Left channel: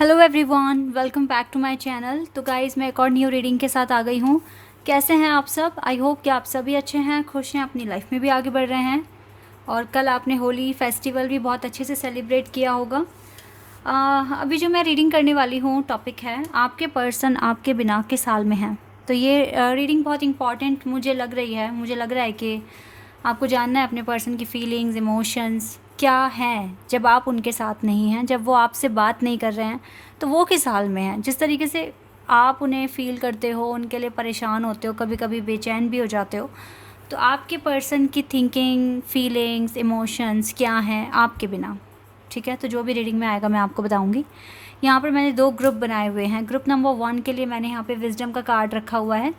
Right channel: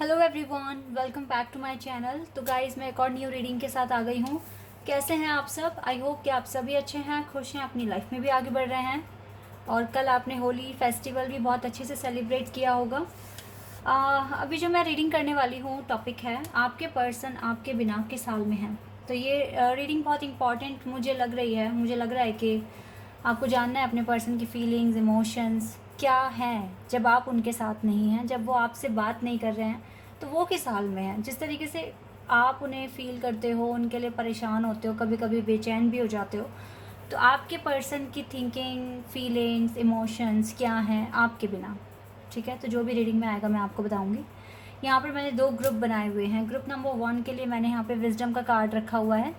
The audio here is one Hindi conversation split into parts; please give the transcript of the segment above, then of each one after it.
Hello everyone, welcome back to my channel. तो गाइज़, मैं एक और न्यू रीडिंग के साथ आ गई हूँ। कैसे हैं आप सब? आई होप कि आप सभी अच्छे हैं, खुश हैं, अपनी लाइफ में भी आगे बढ़ रहे हैं। और कल आपने होली फेस्टिवल भी बहुत अच्छे से सेलिब्रेट किया होगा। अभी जो मैं रीडिंग करने वाली हूँ टॉपिक है आपके पर्सन आपके बिना किस हाल में है। तो ये रीडिंग बहुत इंपॉर्टेंट मुझे लग रही है। मुझे लग रहा है कि आपको जानना है अपने पर्सन की फीलिंग्स, इमोशंस क्या हैं जब आप उनके साथ नहीं हैं, जब वो आपसे बात नहीं कर रहे हैं तो वो किस हाल में हैं। जिस तरीके से आप उन्हें फ़ील करते हो, उनके लिए परेशान होते हो, कभी कभी बेचैन भी हो जाते हो, तो आपके पर्सन की थिंकिंग, फीलिंग्स, इमोशंस क्या हैं आपके बिना। ठीक है, तो जो भी रीडिंग में आएगा मैं आपको बताऊंगी। यहाँ पर मैंने 2 ग्रुप बनाए हुए हैं। ग्रुप नंबर 1 के लिए मैंने यहाँ पे विजडम का कार्ड रखा हुआ है।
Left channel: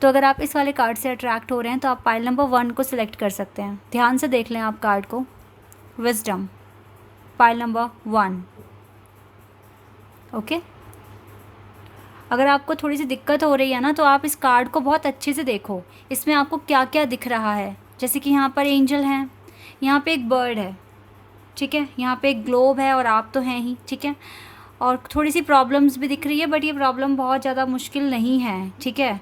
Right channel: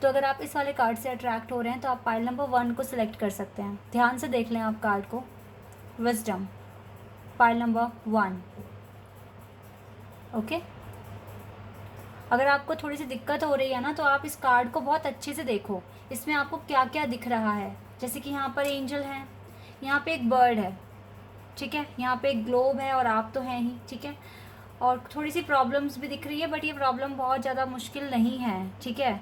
तो अगर आप इस वाले कार्ड से अट्रैक्ट हो रहे हैं तो आप पाइल नंबर 1 को सिलेक्ट कर सकते हैं। ध्यान से देख लें आप कार्ड को। Wisdom, pile number 1। ओके, अगर आपको थोड़ी सी दिक्कत हो रही है ना तो आप इस कार्ड को बहुत अच्छे से देखो, इसमें आपको क्या क्या दिख रहा है। जैसे कि यहाँ पर एंजल हैं, यहाँ पे एक बर्ड है, ठीक है, यहाँ पे एक ग्लोब है और आप तो हैं ही, ठीक है। और थोड़ी सी प्रॉब्लम्स भी दिख रही है, बट ये प्रॉब्लम बहुत ज़्यादा मुश्किल नहीं है, ठीक है।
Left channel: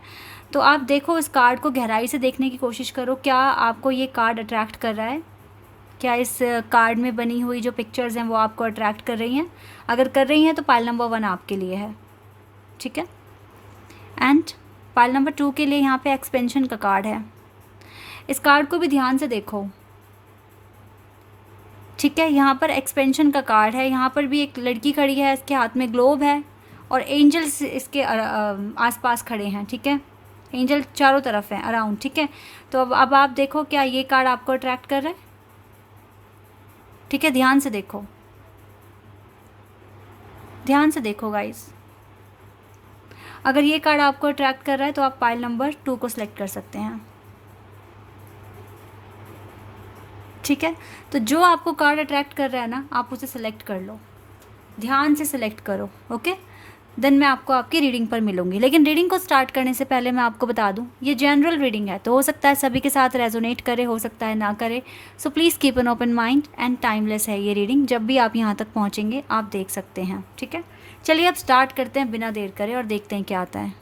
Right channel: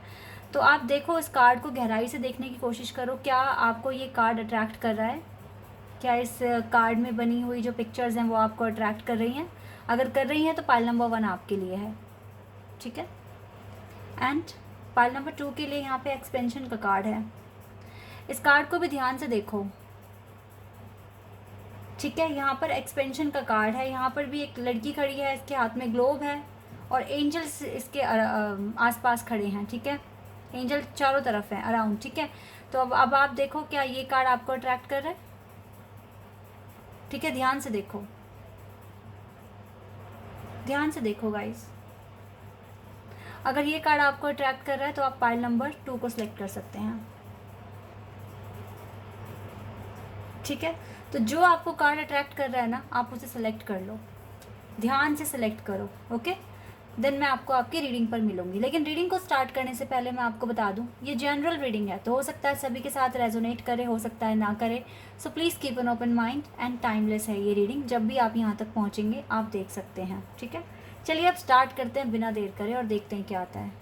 तो आप देखो, इस कार्ड को गहराई से देखने की कोशिश करो। क्या आपको ये कार्ड अट्रैक्ट कर रहा है? क्या इस कार्ड में बनी हुई जो पिक्चर्स हैं वो आपको अट्रैक्ट कर रही हैं? अगर कर रही हैं तो पाइल नंबर 1 आपके लिए है, ठीक है। एंड पाइल नंबर 2 के लिए यहाँ पे एक्सपेंशन का कार्ड है। इस कार्ड को भी ध्यान से देखो, ठीक है। यहाँ पर एक्सपेंशन का कार्ड है, यहाँ पर भी एक लड़की खड़ी है, इसके हाथ में ग्लोब है और एंजल्स इसके आसपास खड़े हैं, ठीक है। एंजल चारों तरफ हैं अराउंड, ठीक है। तो अब आप देखो, क्या ये कार्ड आपको अट्रैक्ट कर रहा है? ठीक है, ध्यान से देखो, ध्यान से देखो गाइस। अगर ये कार्ड आपको अट्रैक्ट कर रहा है तो आप पाइल नंबर 2 को सिलेक्ट कर सकते हैं, ठीक है। तो जो आपको कार्ड अट्रैक्ट कर रहा है ना, आप उसे सिलेक्ट कर लो, ध्यान से सिलेक्ट करो, ओके। देन मैं आपको आपकी रीडिंग पर मिलूंगी। लेकिन रीडिंग को स्टार्ट करने से पहले मैं आपको बता दूं, ये जनरल रीडिंग है, तो हो सकता है सभी के साथ रेजोनेट करे, हो सकता है ना करे। So please keep an open mind and timeless है ये रीडिंग। जब भी आप यहाँ तक पहुँचेंगे आप देख सकते हैं, ठीक है। चलिए अब स्टार्ट करते हैं बिना देर करे और देखते हैं क्या आता है।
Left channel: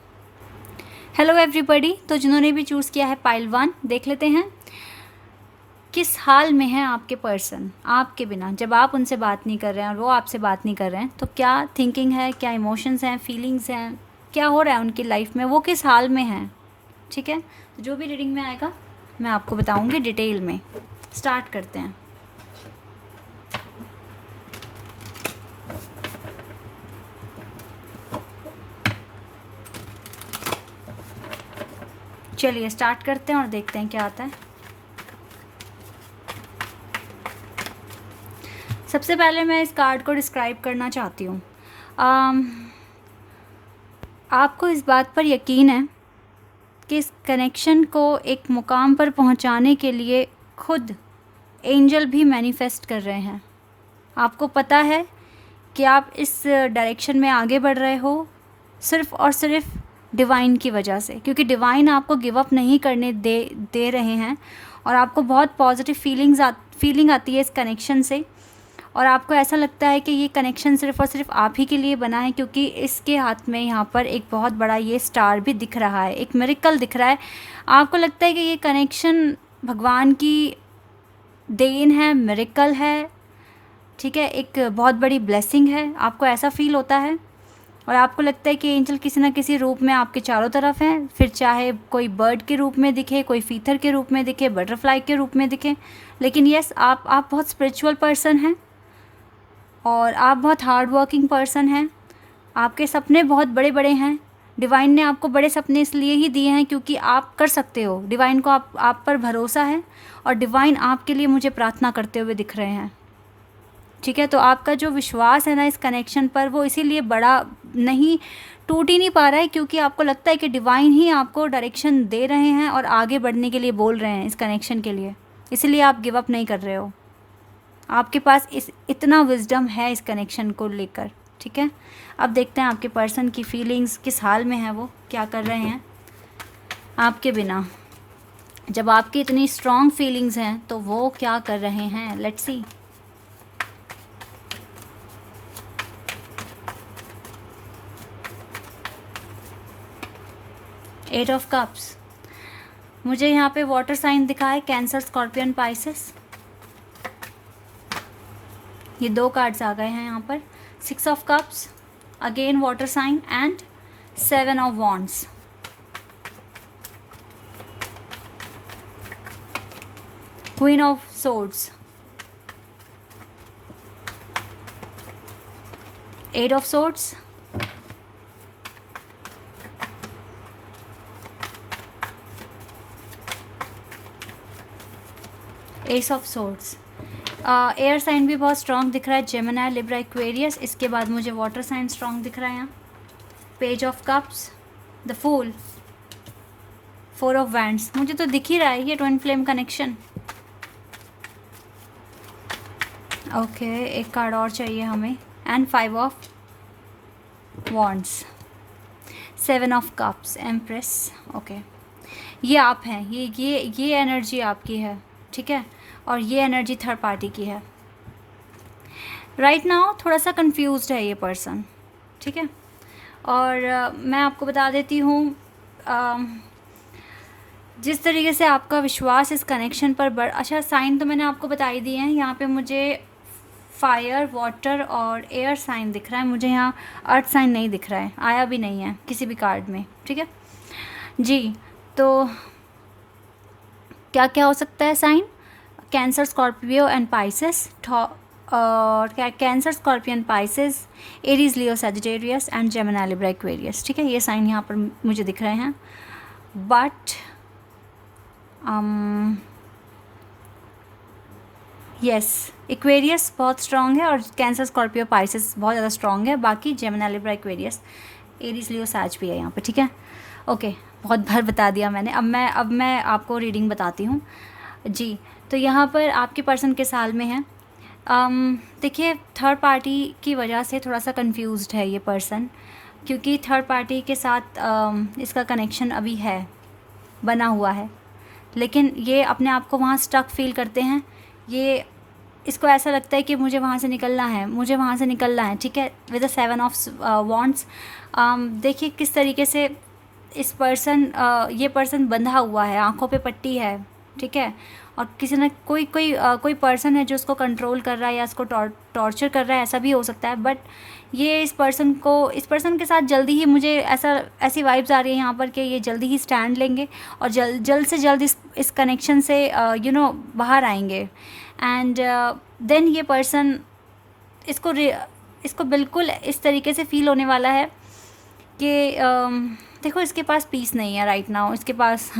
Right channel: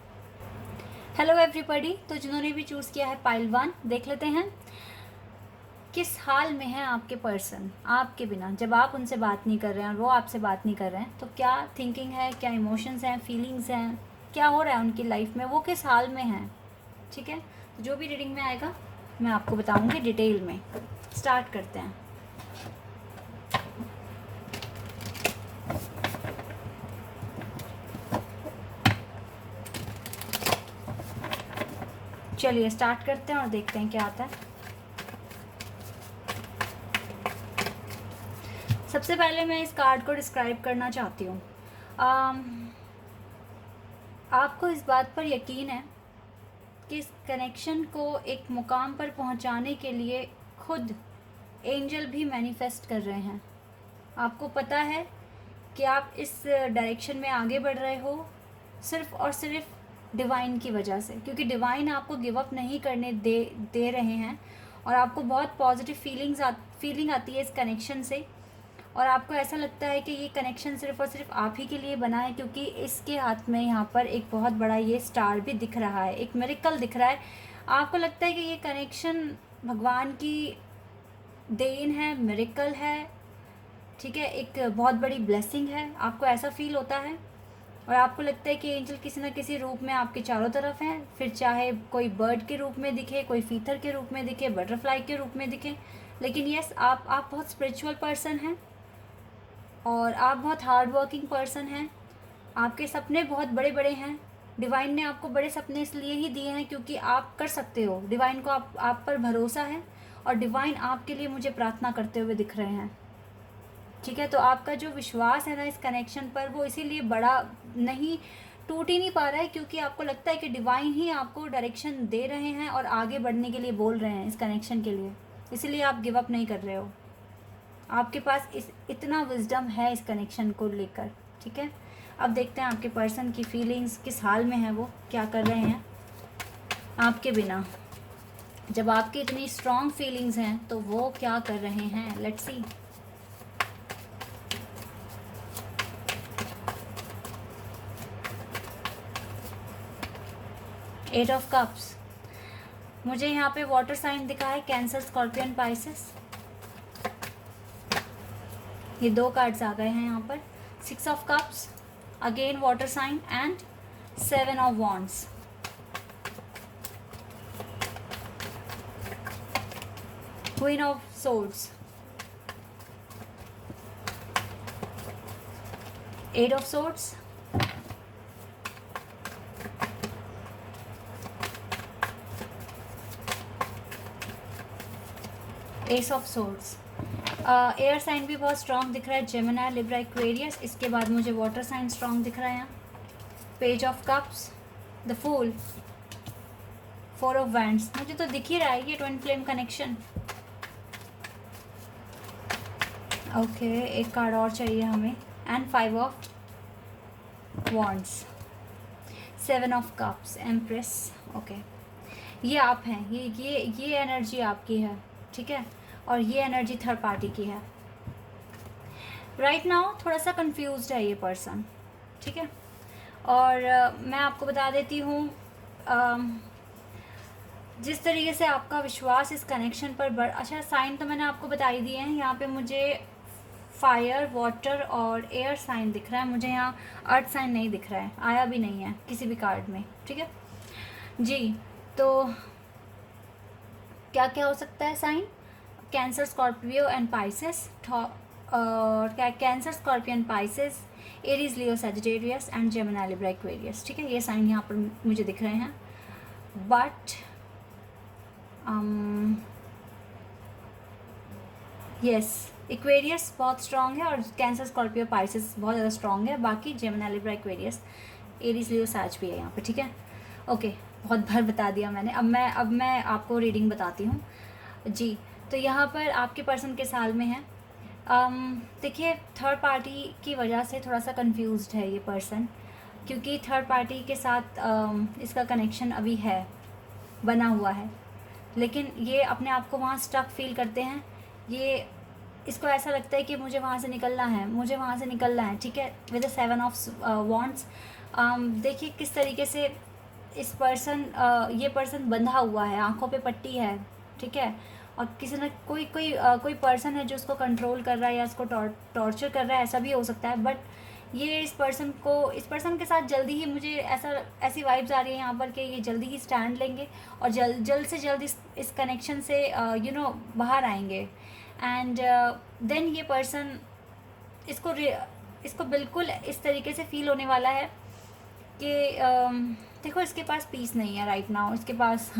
हेलो एवरीबॉडी, तो जिन्होंने भी चूज़ किया है पाइल 1, देख लेते हैं किस हाल में है आपके पर्सन आपके बिना। जब आप उनसे बात नहीं कर रहे हैं और वो आपसे बात नहीं कर रहे हैं तो क्या थिंकिंग है, क्या इमोशंस हैं, फीलिंग्स हैं, क्या हो रहा है उनकी लाइफ में, वो किस हाल में हैं, ठीक है। तो जो भी रीडिंग में आएगा मैं आपको बताऊंगी डिटेल में। स्टार्ट करते हैं। चलिए स्टार्ट करते हैं और देखते हैं क्या आता है। सबसे पहले मैं इस कार्ड को डिस्क्राइब करना चाहती हूँ। आपको इस बात पर यकीन है कि इस कनेक्शन को एक मुकाम पर पहुँचाने के लिए खुद एंजल भी मैनिफेस्ट कर रहे हैं। आपको पता है कि आप इस डायरेक्शन में आगे बढ़ रहे हो सिर्फ़ और सिर्फ डिवाइन की वजह से, क्योंकि डिवाइन आपको गिव अप नहीं करने दे रहे हैं और आपको बहुत पॉजिटिव फीलिंग आती है इस कनेक्शन से। और आपको ऐसा लगता है कि ये कनेक्शन सिर्फ़ और सिर्फ आप ही के लिए बना है, क्योंकि इसके हाथ में यहाँ पर एक बहुत बड़ा ये स्टार भी दिख रहा है, एक मिरेकल दिख रहा है। आपको लगता है कि ये कनेक्शन भगवान की देन है, मिरेकल है, ठीक है, एक बहुत बड़ी ब्लेसिंग है। आपको ऐसा फील होता है और आपको लगता है कि एंजल किसी ना किसी रूप में आपके चारों तरफ हैं, फिर चाहे कोई बर्ड के रूप में दिखे, कोई फीथर के रूप में दिखे, बटरफ्लाई के रूप में दिखे। लेकिन यस, आप बहुत स्पिरिचुअल पर्सन हैं और आप बहुत हार्ड वर्किंग पर्सन हैं। आपके सपने बहुत बड़े बड़े हैं। डिवाइन ने आपको बड़े सपने इसलिए ही दिए हैं क्योंकि आप कर सकते हो। डिवाइन को आप पर भरोसा है और डिवाइन आपके लिए मुझे प्रार्थना करते हुए दिख रहे हैं, ठीक है। तो आपका जो विश्वास है ना इस कनेक्शन पर, वो इसीलिए बड़ा नहीं, टूट ही नहीं पा रहा है, क्योंकि आपको लगता है कि डिवाइन ही आपको डायरेक्शन दे रहे हैं और आगे बढ़ने के लिए बोल रहे हैं इस कनेक्शन के लिए। इसलिए आप गिव अप नहीं कर रहे हो। आपके पास इतना विजडम है इस कनेक्शन को लेकर, ठीक है। अब देखते हैं आपके पर्सन की फीलिंग्स किस हाल में है, वो क्या कर रहे हैं आपके बिना। जब आपकी इतनी स्ट्रॉन्ग फीलिंग्स हैं तो वो क्या कर रहे हैं, लेट्स सी। 8 ऑफ कप्स, मुझे यहाँ पे वाटर साइन दिखा है, कैंसर, स्कॉर्पियन, पाइसेस। ये 2 कार्ड्स आ गए हैं यहाँ पर। 6 of cups, again water sign, and 7 of wands. Queen of swords, 8 of swords, ace of swords. Air sign भी बहुत स्ट्रॉन्ग दिख रहा है, जेमिनी, लिब्रा, एक्वेरियस। इसके बाद मुझे वाटर साइन स्ट्रॉन्ग दिख रहा है यहाँ। Page of cups, the fool, 4 of wands. मुझे तो दिख ही रहा है ये ट्विन फ्लेम कनेक्शन। ओके, एक कार्ड और चाहिए हमें, and 5 of wands, 7 of cups, empress. Okay, ये आप हैं, ये एनर्जी आपकी है, ठीक है, और ये एनर्जी थर्ड पार्टी की है। राइट नाउ थोड़ा सा कंफ्यूज्ड है ये पर्सन, ठीक है। और मैं आपको बता देती हूँ, जिस तरीके से आपका विश्वास इस कनेक्शन पर अच्छा, साइन तो मैंने आपको बता ही दिए हैं। यहाँ पे मुझे फायर, वाटर और एयर साइन दिख रहा है, मुझे यहाँ अर्थ साइन नहीं दिख रहा है, आया भी नहीं है किसी भी कार्ड में, ठीक है जी। तो क्या क्या हो सकता है sign? Cancer, Scorpio and Pisces, और क्या, Cancer, scorpion, Pisces, Aries, Leo, Sagittarius and Gemini, Libra, Aquarius, ठीक है। ये साइन यहाँ पर मुझे दिख रहे हैं, बट यस, एक्वेरियस बहुत स्ट्रॉन्ग है और कैंसर, स्कॉर्पियो, पाइसेस बहुत ज़्यादा स्ट्रॉन्ग है। बाकी जेमिनी, लिब्रा, एक्वेरियस, एरीज, लियो, सैज भी है यहाँ पे, ठीक है। ओके, बहुत बार बता दिया मैंने। अब मैं आपको रीडिंग बताती हूँ जी। तो यहाँ पर आपके पर्सन के साल में है, देखिए थर्ड पार्टी की वजह से थोड़ा सा कंफ्यूज्ड है ये पर्सन, क्योंकि थर्ड पार्टी के साथ इसका कनेक्शन अभी है, बना हुआ है, लेकिन ये अपने आप को वहाँ स्टक फील करते हैं। ये इसको ऐसा लगता है कि मुझे वहाँ से निकलना है, मुझे वहाँ से निकलना है, ठीक है, विद द 7 ऑफ वॉन्ड्स। देखिए किस तरीके से इस ये पर्सन बंधा हुआ है, आंखों पे पट्टी है, ठीक है, और किसी न कोई पर्सन है जो उसको कंट्रोल कर रहा है या इसको टॉर्चर कर रहा है, ऐसा भी हो सकता है। बट ये इस पर्सन के साथ जल्दी ही मुझे ऐसी वाइब्स आ रही है यहाँ पर कि ये जल्दी ही स्टैंड लेंगे और जल्द से जल्द इस कनेक्शन से बाहर आएंगे। एंड देन ये पर्सन इसको बिल्कुल इस तरीके से फील होने वाला है कि देखो इसके पास पीस नहीं है राइट नाउ, इसके पास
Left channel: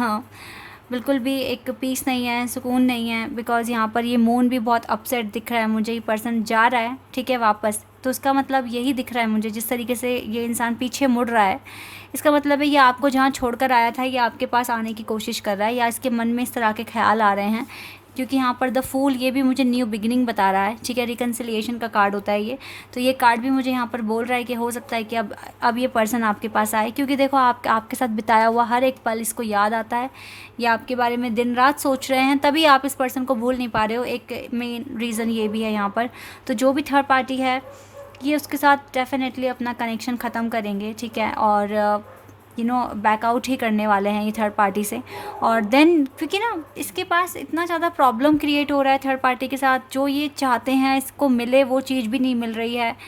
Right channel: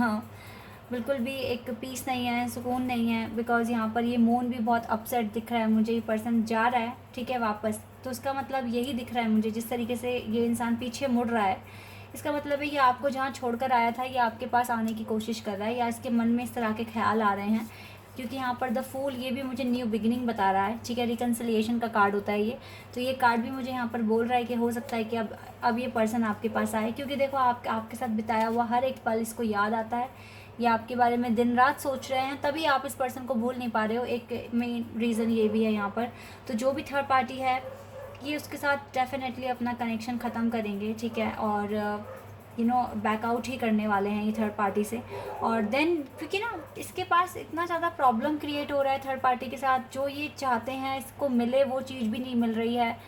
बिल्कुल भी एक पीस नहीं है, सुकून नहीं है, बिकॉज़ यहाँ पर ये मून भी बहुत अपसेट दिख रहा है मुझे। ये पर्सन जा रहा है, ठीक है, वापस, तो उसका मतलब यही दिख रहा है मुझे, जिस तरीके से ये इंसान पीछे मुड़ रहा है, इसका मतलब है ये आपको जहाँ छोड़कर आया था ये आपके पास आने की कोशिश कर रहा है, या इसके मन में इस तरह के ख्याल आ रहे हैं। क्योंकि यहाँ पर द फूल ये भी मुझे न्यू बिगिनिंग बता रहा है, ठीक है, रिकन्सिलिएशन का कार्ड होता है ये, तो ये कार्ड भी मुझे यहाँ पर बोल रहा है कि हो सकता है कि अब ये पर्सन आपके पास आए, क्योंकि देखो आपके साथ बिताया हुआ हर एक पल इसको याद आता है, या आपके बारे में दिन रात सोच रहे हैं, तभी आप इस पर्सन को भूल नहीं पा रहे हो। एक मेन रीज़न ये भी है यहाँ पर। तो जो भी थर्ड पार्टी है ये उसके साथ डेफिनेटली अपना कनेक्शन ख़त्म करेंगे, ठीक है, और बैकआउट ही करने वाले हैं ये थर्ड पार्टी से। और देन क्योंकि ना इसके पास इतना ज़्यादा प्रॉब्लम क्रिएट हो रहा है थर्ड पार्टी के साथ, जो ये चाहते हैं इसको मिले वो चीज़ भी नहीं मिल रही है।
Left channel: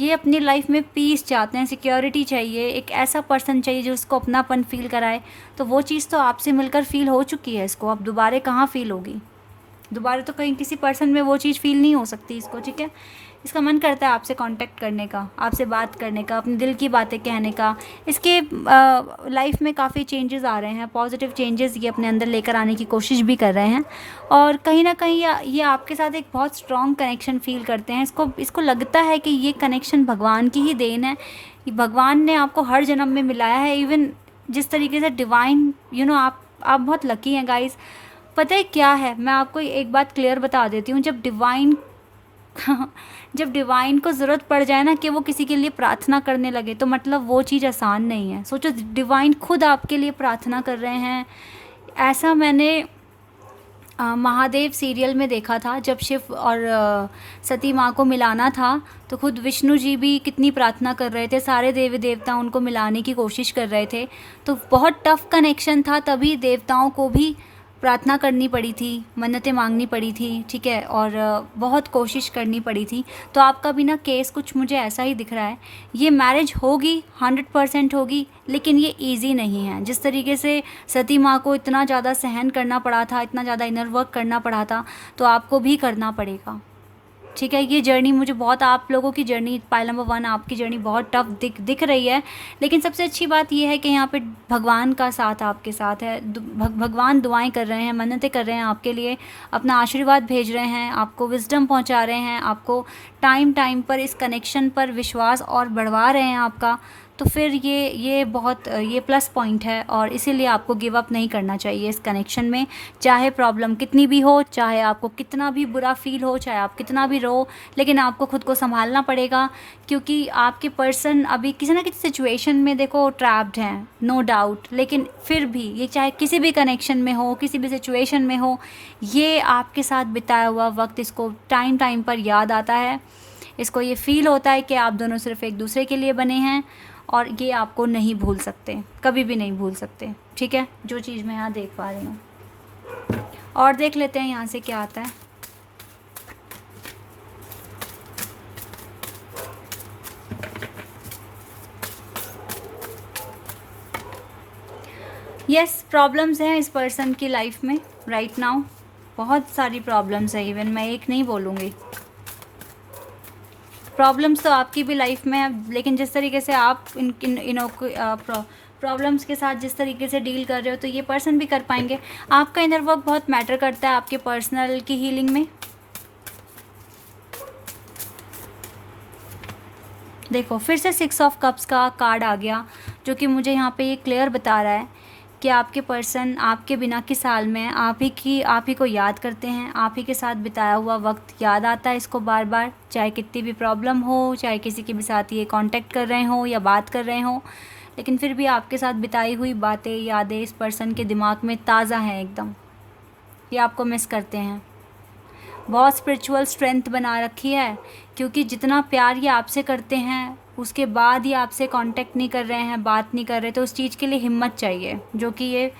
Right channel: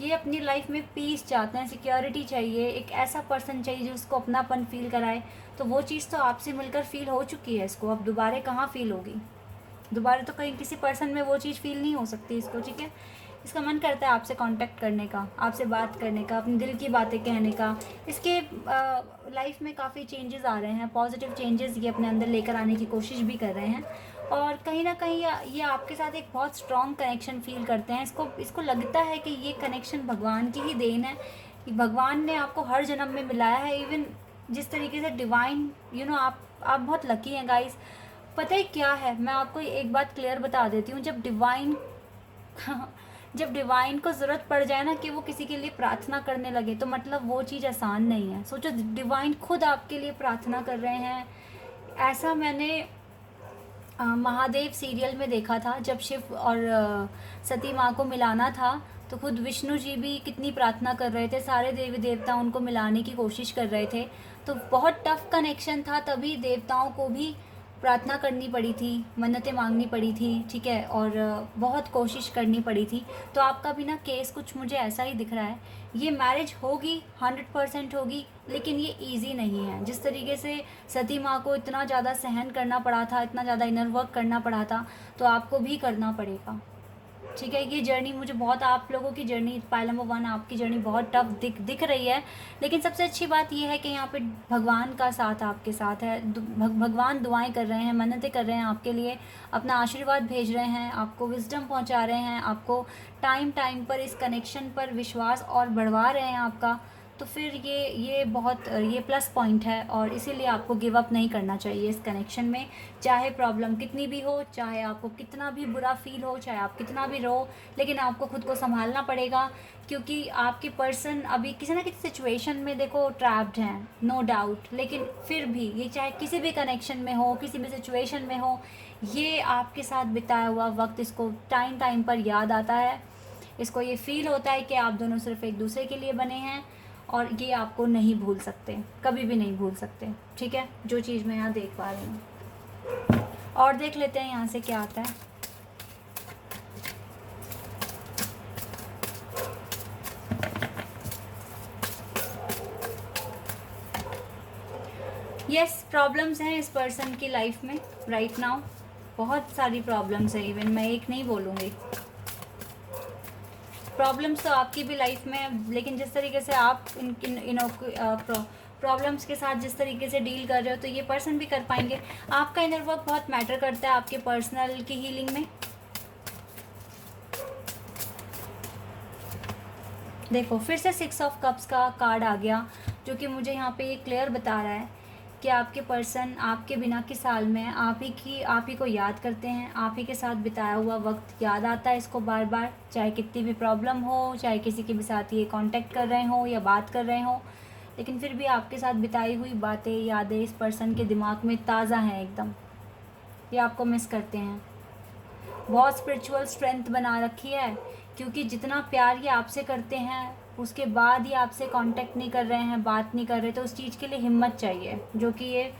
ये अपनी लाइफ में पीस चाहते हैं, सिक्योरिटी चाहिए, एक ऐसा पर्सन चाहिए जो उसको अपनापन फील कराए। तो वो चीज़ तो आपसे मिलकर फ़ील हो चुकी है इसको, अब दोबारा कहाँ फ़ील होगी, दोबारा तो कहीं किसी पर्सन में वो चीज़ फ़ील नहीं हो सकती इसको, ठीक है। इसका मन करता है आपसे कांटेक्ट करने का, आपसे बात करने का, अपने दिल की बातें कहने का। इसके लाइफ में काफ़ी चेंजेस आ रहे हैं, पॉजिटिव चेंजेस ये अपने अंदर लेकर आने की कोशिश भी कर रहे हैं, और कहीं ना कहीं ये आपके साथ एक बहुत स्ट्रॉन्ग कनेक्शन फील करते हैं। इसको लगता है कि ये कनेक्शन भगवान की ही देन है, भगवान ने आपको हर जन्म में मिलाया है। इवन जिस तरीके से डिवाइन आप बहुत लकी हैं गाइस। पता है क्या है, मैं आपको एक बात क्लियर बता देती हूँ, जब डिवाइन को ज़रूरत पड़ जाए ना कि वो किसी के लिए प्रार्थना करने लगे, तो मतलब वो चीज़ आसान नहीं है। सोचो डिवाइन खुद आपके लिए प्रार्थना कर रहे हैं, ऐसा मैंने महादेव सीरियल में देखा था, जब शिव और सती माँ को मिलाना था तो खुद विष्णु जी भी कितनी प्रार्थना कर रहे थे, सारे देवी देवता उनको मिलाने की कोशिश कर रहे थे। तो बहुत टफ कनेक्शन था, तभी देवताओं को भी प्रार्थना करनी पड़ी थी, मन्नतें मांगनी पड़ी थी, ठीक है, और बहुत कोशिश करनी पड़ी थी। तो आपका भी ना केस कुछ मुझे ऐसा ही दिख रहा है। ये मैरिज होगी, 100% होगी, लेकिन ये इजी नहीं है। जिस तरीके से सती माँ को इतना ज़्यादा सहन करना पड़ा था, इतना ज़्यादा इनर वर्क करना पड़ा था, तो आपको भी करना पड़ेगा, ठीक है। ये जर्नी मुझे बहुत, आप लोगों की जर्नी, पाइल नंबर 1 आपकी जर्नी बहुत टफ दिख रही है, लेकिन सबसे अच्छी बात ये है कि यहाँ पे भगवान का साथ आपके साथ है। भगवान दुआएं कर रहे हैं, मन्नतें कर रहे हैं आपके लिए, अपना आशीर्वाद भेज रहे हैं, आपको विजडम पहुँचा रहे हैं, आपको टाइम टाइम पर इस कनेक्शन पर विश्वास और बढ़वा रहे हैं आपका। तो फिर ये बहुत ये प्लस पॉइंट है, और इसीलिए आपको गिव अप नहीं करना चाहिए इस कनेक्शन में। चाहे प्रॉब्लम कितनी भी हो, चाहे आपको कितना भी बुरा फील हो, चाहे आप कितना भी रो, लेकिन आपको खुद को संभालना पड़ेगा, क्योंकि आपके पर्सन अभी किसी ना किसी सिचुएशन में देखो ट्रैप्ड हैं, नो डाउट। लेकिन फिर भी ये चाहे किसी भी कनेक्शन में हो, किसी भी सिचुएशन में हो, ये आपके साथ बिताया हुआ वक्त इसको टाइम टाइम पर याद आता है। इसको ये फील होता है कि आप दोनों सिर्फ एक दूसरे के लिए बने हैं, और ये आपको नहीं भूल सकते, कभी भी नहीं भूल सकते, ठीक है। जो चीज़ मैं यहाँ देख पा रही हूँ, और देख लेते हैं यहाँ से क्या आता है। यस, प्रॉब्लम्स हैं इस पर्सन की लाइफ में राइट नाउ, बहुत सारी प्रॉब्लम्स है, इवन मैं एक नहीं बोलूँगी। प्रॉब्लम्स तो आपकी भी लाइफ में है, लेकिन जिस तरीके से आप इन प्रॉब्लम्स के साथ जिस तरीके से डील कर रहे हो, तो ये पर्सन भी कर पाएंगे। आपका इनर वर्क बहुत मैटर करता है आपके पर्सनल की हीलिंग में। देखो, फिर से 6 ऑफ कप्स का कार्ड आ गया, जो कि मुझे यहाँ पे ये क्लियर बता रहा है कि आपके पर्सन आपके बिना की साल में आप ही को याद करते हैं, आप ही के साथ बिताया हुआ वक्त याद आता है इसको बार बार, चाहे कितनी भी प्रॉब्लम हो, चाहे किसी के भी साथ ये कांटेक्ट कर रहे हो या बात कर रहे हो, लेकिन फिर भी आपके साथ बिताई हुई बातें, यादें इस पर्सन के दिमाग में ताज़ा हैं एकदम। ये आपको मिस करते हैं। बहुत स्पिरिचुअल स्ट्रेंथ बना रखी है, क्योंकि जितना प्यार ये आपसे करते हैं, उसके बाद ही आपसे कांटेक्ट नहीं कर रहे हैं, बात नहीं कर रहे, तो उस चीज़ के लिए हिम्मत चाहिए, जो कि ये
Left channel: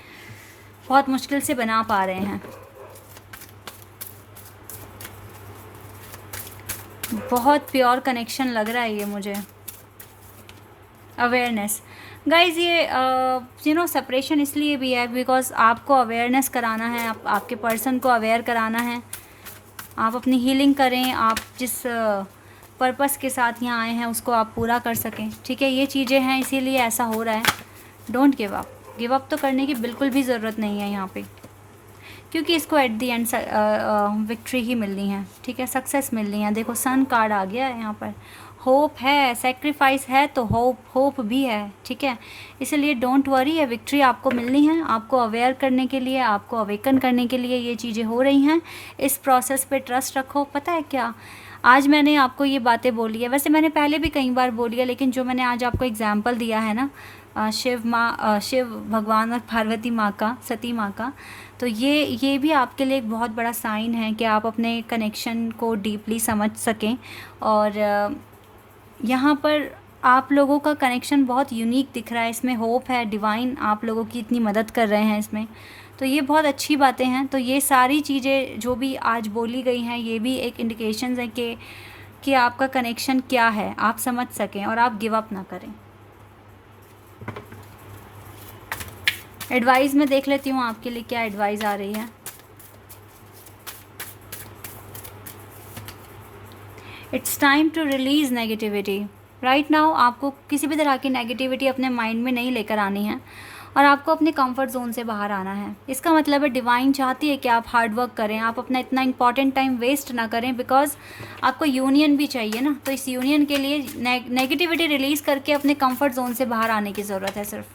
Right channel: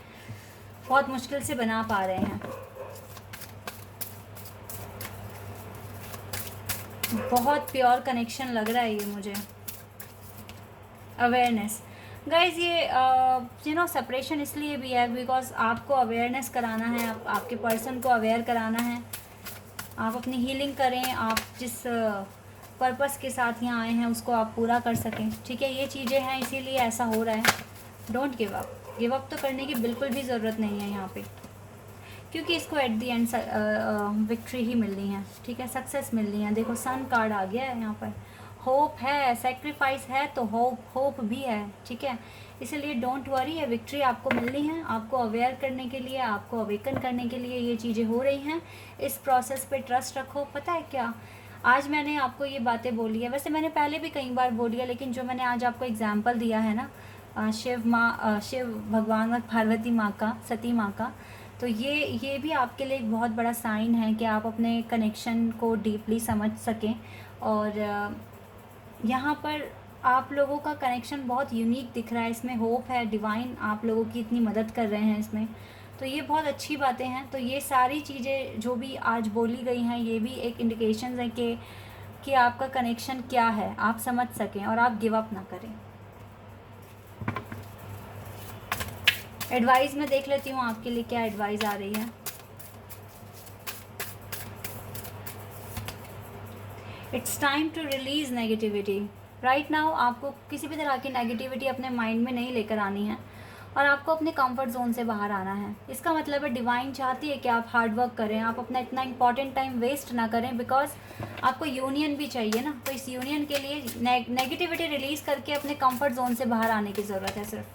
बहुत मुश्किल से बना पा रहे हैं। बहुत प्योर कनेक्शन लग रहा है ये मुझे। अवेयरनेस गाइज, ये सेपरेशन इसलिए भी है बिकॉज आपको अवेयरनेस कराना है, आपके पर्सन को अवेयर कराना है। आप अपनी हीलिंग करें, आप जिस पर्पस के साथ यहाँ आए हैं उसको आप पूरा कर सकें, ठीक है। ये चीज़ें हैं, इसीलिए ऐसा हो रहा है। Don't give up, give up तो करने की बिल्कुल भी ज़रूरत नहीं है यहाँ पे, क्योंकि इसको एट दी एंड विक्ट्री ही मिलनी है, ठीक है, सक्सेस मिलनी है। देखो, सन कार्ड आ गया है यहाँ पर, होप है, सेक्रीफाइस है, तो होप भी है, ठीक है। इसलिए डोंट वरी, है विक्ट्री आपको मिलनी है। आपको अवेयर करने के लिए, आपको अवेकन करने के लिए ये चीज़ें हो रही हैं। इस प्रोसेस पे ट्रस्ट रखो। पता है क्या, आज मैंने आपको ये बातें बोली है, वैसे मैंने पहले भी कई बार बोली है, लेकिन जो मैंने आज आपको एग्जाम्पल दिया है ना, शिव भगवान और पार्वती माँ का, सती माँ का, तो ये भी आपके लिए एक बहुत बड़ा साइन है कि आप अपने कनेक्शन को डीपली समझ सकें। और यहाँ पर आप लोगों का कनेक्शन बहुत यूनिक दिख रहा है, इसमें होप है, डिवाइन आप लोगों की इतनी मदद कर रहे हैं इसमें, तो ये बहुत अच्छी बातें हैं। तो ये सारी चीज़ें जो भी आज बोली गई हैं, ये भी एक इंडिकेशंस हैं कि आपका कनेक्शन क्या है, आप समझ सकें और आप गिव अप ना करें। एडवाइस में देख लेती हूँ आपके लिए क्या एडवाइस आ रही है। It's time to release negativity. Right now आपको किसी भी तरह की नेगेटिविटी अपने माइंड में नहीं लेकर आनी है, और आपको अपने कंफर्ट जोन से बाहर आना है। इसका मतलब है डिवाइन चाहती है कि आप हार्ड वर्क करें, आप अपना इतना इंपॉर्टेंट टाइम वेस्ट ना करें, बिकॉज आपको यूनियन भी चाहिए ना। तो इस यूनियन के लिए नेगेटिविटी रिलीज़ करके अपने कंफर्ट जोन से बाहर आने की ज़रूरत है सिर्फ,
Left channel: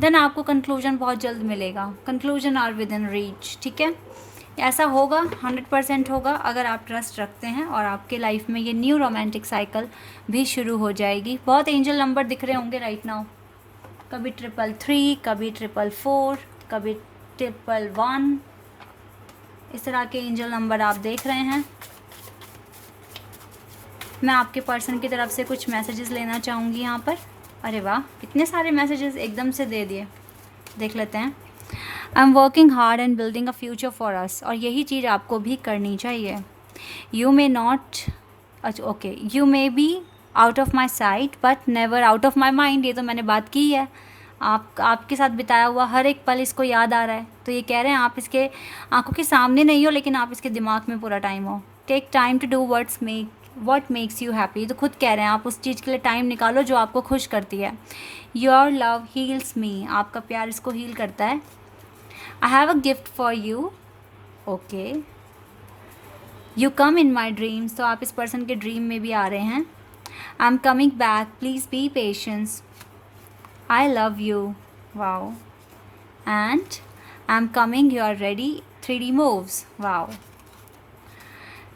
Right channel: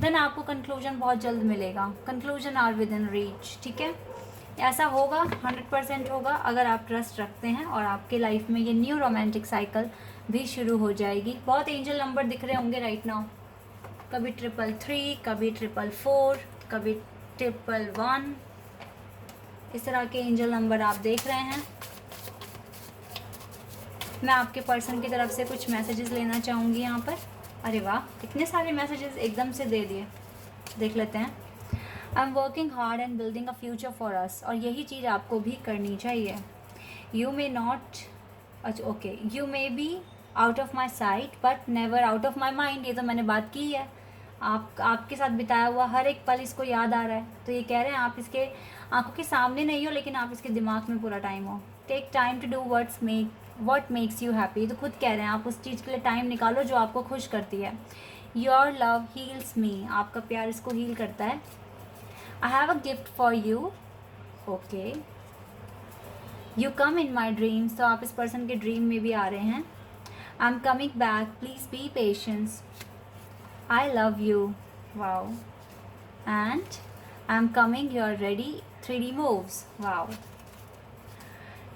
देन आपको कंक्लूजन बहुत जल्द मिलेगा। Conclusion are within reach, ठीक है। ऐसा होगा, 100% होगा अगर आप ट्रस्ट रखते हैं, और आपके लाइफ में ये न्यू रोमांटिक साइकिल भी शुरू हो जाएगी। बहुत एंजल नंबर दिख रहे होंगे राइट नाउ, कभी 333, कभी 444, कभी 111, इस तरह के एंजल नंबर आप देख रहे हैं। मैं आपके पर्सन की तरफ से कुछ मैसेजेस लेना चाहूँगी यहाँ पर। अरे वाह, इतने सारे मैसेजेस एकदम से दे दिए। देख लेते हैं। I am working hard and building a future for us, और यही चीज़ आपको भी करनी चाहिए। यू मे नॉट, अच्छा okay, you may be out of my site but never out of my mind. ये तो मैंने बात की है। आपके साथ बिताया हुआ हर एक पल इसको याद आ रहा है, तो ये कह रहे हैं आप इसके आंखों के सामने नहीं हो, लेकिन आप इसके दिमाग में पूरा टाइम हो। Take time to do what makes you happy. तो खुद कह रहे हैं आप उस चीज़ के लिए टाइम निकालो जो आपको खुश करती है। योर लव हील्स मी, आपका प्यार इसको हील करता है। I have a gift for you, okay. You come in my dreams, तो आप इस पर्सन के ड्रीम में भी आ रहे हैं। आई am coming back, please be patience. I love you, wow, and I'm coming, you are ready, 3D moves, wow.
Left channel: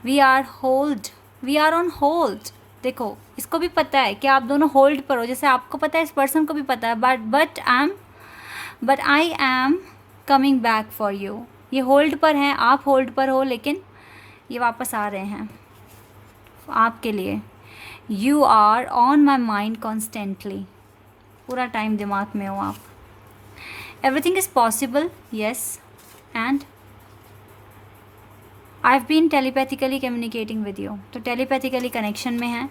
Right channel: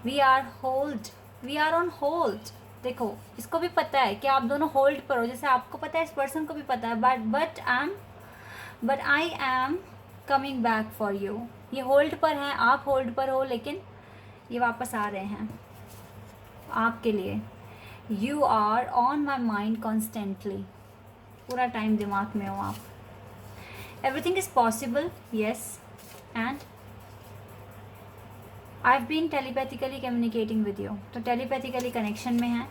We are on hold। देखो इसको भी पता है कि आप दोनों होल्ड पर हो, जैसे आपको पता है इस पर्सन को भी पता है, but I am coming back for you. ये होल्ड पर हैं, आप होल्ड पर हो, लेकिन ये वापस आ रहे हैं आपके लिए। You are on my mind constantly, पूरा टाइम दिमाग में हो आप। Everything is possible, yes, and I have been telepathically communicating with you, तो टेलीपैथिकली कनेक्शन में है।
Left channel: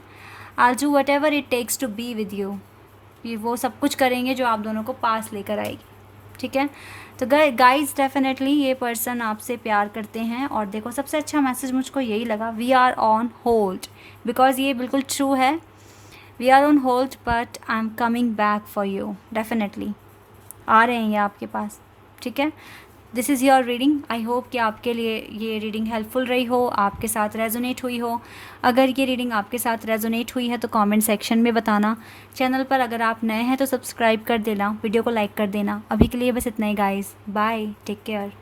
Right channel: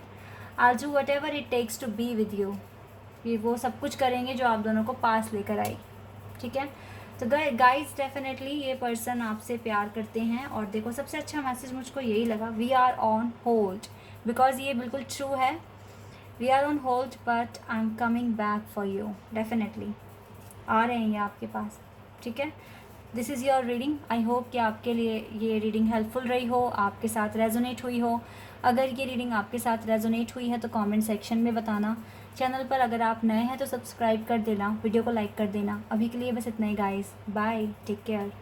I do whatever it takes to be with you, ये वो सब कुछ करेंगे जो आप दोनों को पास लेकर आएगी, ठीक है। तो गाइज डेफिनेटली ये पर्सन आपसे प्यार करते हैं, और देखो सबसे अच्छा मैसेज मुझको यही लगा, we are on hold, because ये बिल्कुल ट्रू है। We are on hold but I am coming back for you, definitely आ रहे हैं ये आपके पास, ठीक है। This is your reading. I hope कि आपके लिए ये रीडिंग हेल्पफुल रही हो, आपके साथ रेजोनेट हुई हो। अगर ये रीडिंग आपके साथ रेजोनेट हुई है तो कमेंट सेक्शन में बताना। चैनल पर अगर आप नए हैं तो सब्सक्राइब कर देना, वीडियो को लाइक कर देना। अभी के लिए बस इतना ही guys, bye, take care.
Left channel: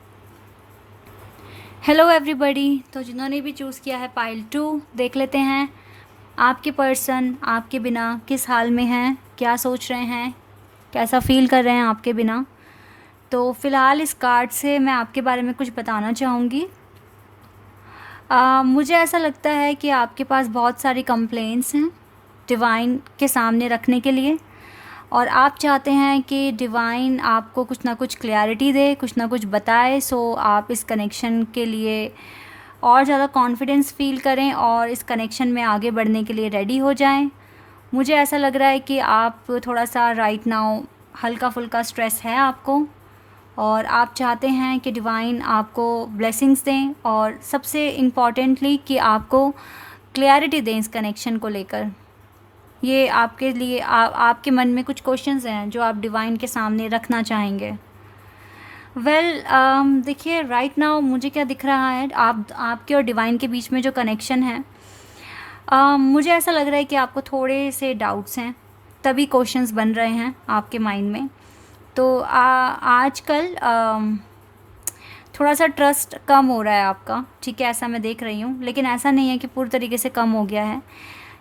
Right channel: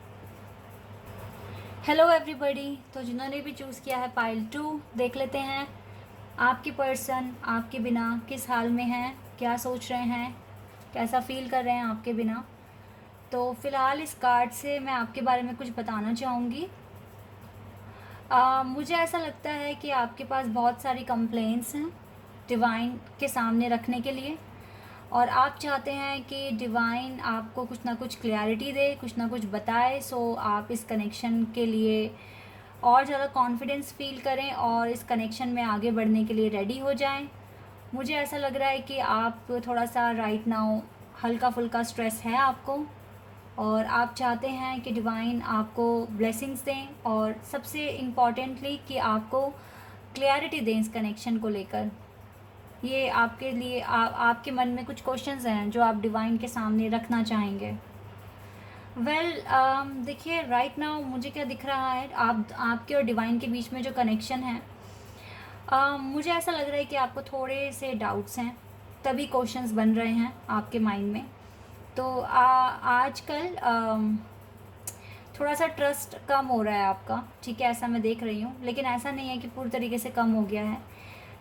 Hello everybody, तो जिन्होंने भी चूज़ किया है पाइल 2, देख लेते हैं आपके पर्सन आपके बिना किस हाल में हैं, क्या सोच रहे हैं, कैसा फील कर रहे हैं आपके बिना। तो फ़िलहाल इस कार्ड से मैं आपके बारे में कुछ बताना चाहूँगी। मुझे ऐसा लगता है कि आपके पास बहुत सारी कंप्लेंट्स हैं डिवाइन के सामने रखने के लिए, और आप चाहते हैं कि डिवाइन आपको कुछ ना कुछ क्लैरिटी दे, कुछ ना कुछ बताए, सो आप इस कनेक्शन के लिए और ज़्यादा कॉन्फिडेंस फील करें और इस कनेक्शन में आगे बढ़ने के लिए रेडी हो जाएं। मुझे ऐसा लग रहा है कि आप थोड़ा सा राइट नाउ हल्का फुल्का स्ट्रेस है आपको, और आप चाहते हैं कि डिवाइन आपको ब्लेसिंग्स दें, और सबसे इम्पॉर्टेंटली कि आपको क्लैरिटी दें इस कनेक्शन को लेकर। ये आपके लिए आपके मन में कुछ क्वेश्चंस हैं जो आप डिवाइन के सामने रखना चाहेंगे। देखिए राइट नाउ मुझे क्या दिख रहा है, आपके और डिवाइन के बीच में जो कनेक्शन है, मुझे ऐसा लग रहा है कि आपको थोड़े से डाउट्स हैं, तभी क्वेश्चंस बन रहे हैं आपके माइंड में। तो आजकल थोड़ा सा ट्रस्ट कम हो रहा है आपका, ठीक है, ऐसा मैं देख रही हूँ, लेकिन ऐसा नहीं है कि पूरी तरीके से कम हो गया है।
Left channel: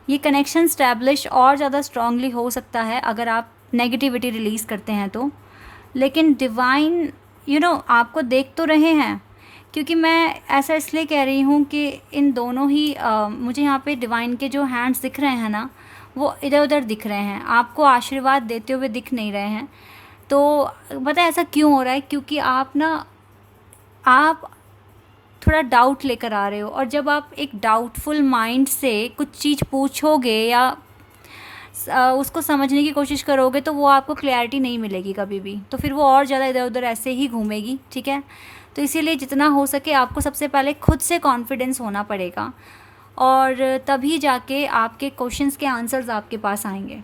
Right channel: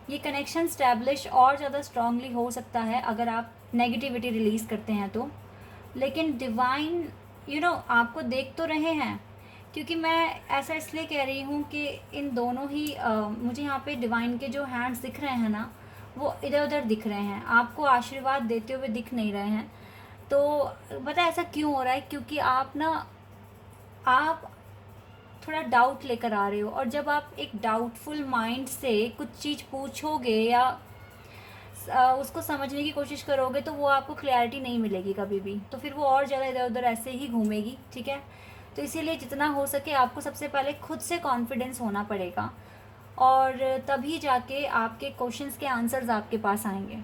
ये कनेक्शन स्टैब्लिश और ज़्यादा स्ट्रांगली हो सकता है अगर आप नेगेटिविटी रिलीज़ करते हैं तो। लेकिन डिवाइन आपको देख तो रहे हैं, क्योंकि मैं ऐसा इसलिए कह रही हूँ कि इन दोनों ही मुझे यहाँ पे डिवाइन के जो हैंड्स दिख रहे हैं ना, वो इधर उधर दिख रहे हैं, आपको आशीर्वाद देते हुए दिख नहीं रहे हैं। तो पता है ऐसा क्यों हो रहा है, क्योंकि आप थोड़ा डाउट लेकर आ रहे हो, और जब आप एक डाउटफुल माइंड से कुछ चीज़ पूछोगे या उसको समझने की कोशिश करोगे तो वो आपको क्लैरिटी नहीं मिलेगी कभी भी, तो फिर वो और ज़्यादा इधर उधर ऐसे ही घूमेगी, ठीक है। तो इसीलिए जितना हो सके आपको सबसे पहले खुद से कॉन्फिडेंस होना पड़ेगा, और तभी जाके आपके क्वेश्चंस के आंसर्स आपके पास आएंगे,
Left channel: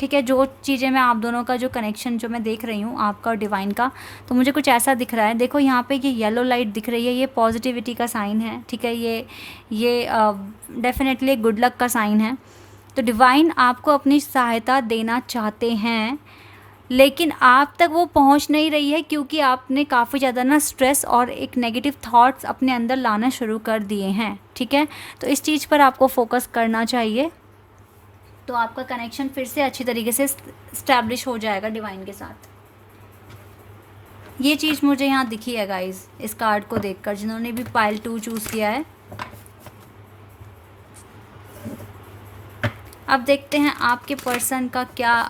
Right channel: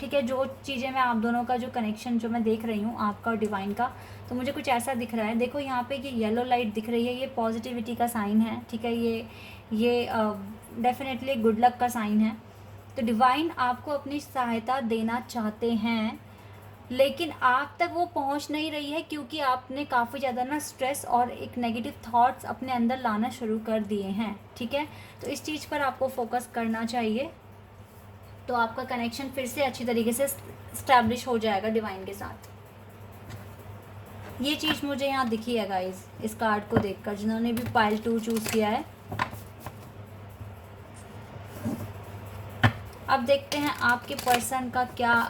ठीक है। जो चीज़ें मैं आप दोनों का जो कनेक्शन जो मैं देख रही हूँ आपका और डिवाइन का, तो मुझे कुछ ऐसा दिख रहा है। देखो यहाँ पे कि येलो लाइट दिख रही है, ये पॉजिटिविटी का साइन है, ठीक है। ये डेफिनेटली गुड लक का साइन है। तो डिवाइन आपको अपनी सहायता देना चाहते हैं, लेकिन आप तक वो पहुंच नहीं रही है, क्योंकि आपने काफ़ी ज़्यादा ना स्ट्रेस और एक नेगेटिव थॉट्स अपने अंदर लाना शुरू कर दिए हैं, ठीक है। तो इस चीज़ पर आपको फोकस करना चाहिए, तो आपका कनेक्शन फिर से अच्छी तरीके से स्टैब्लिश हो जाएगा डिवाइन के साथ। ये चीज़ मुझे यहाँ दिखी है गाइस, इस कार्ड को देखकर, जिन्होंने भी पाइल 2 चूज़ किया है। अब देखते हैं आपके पर्सन का क्या,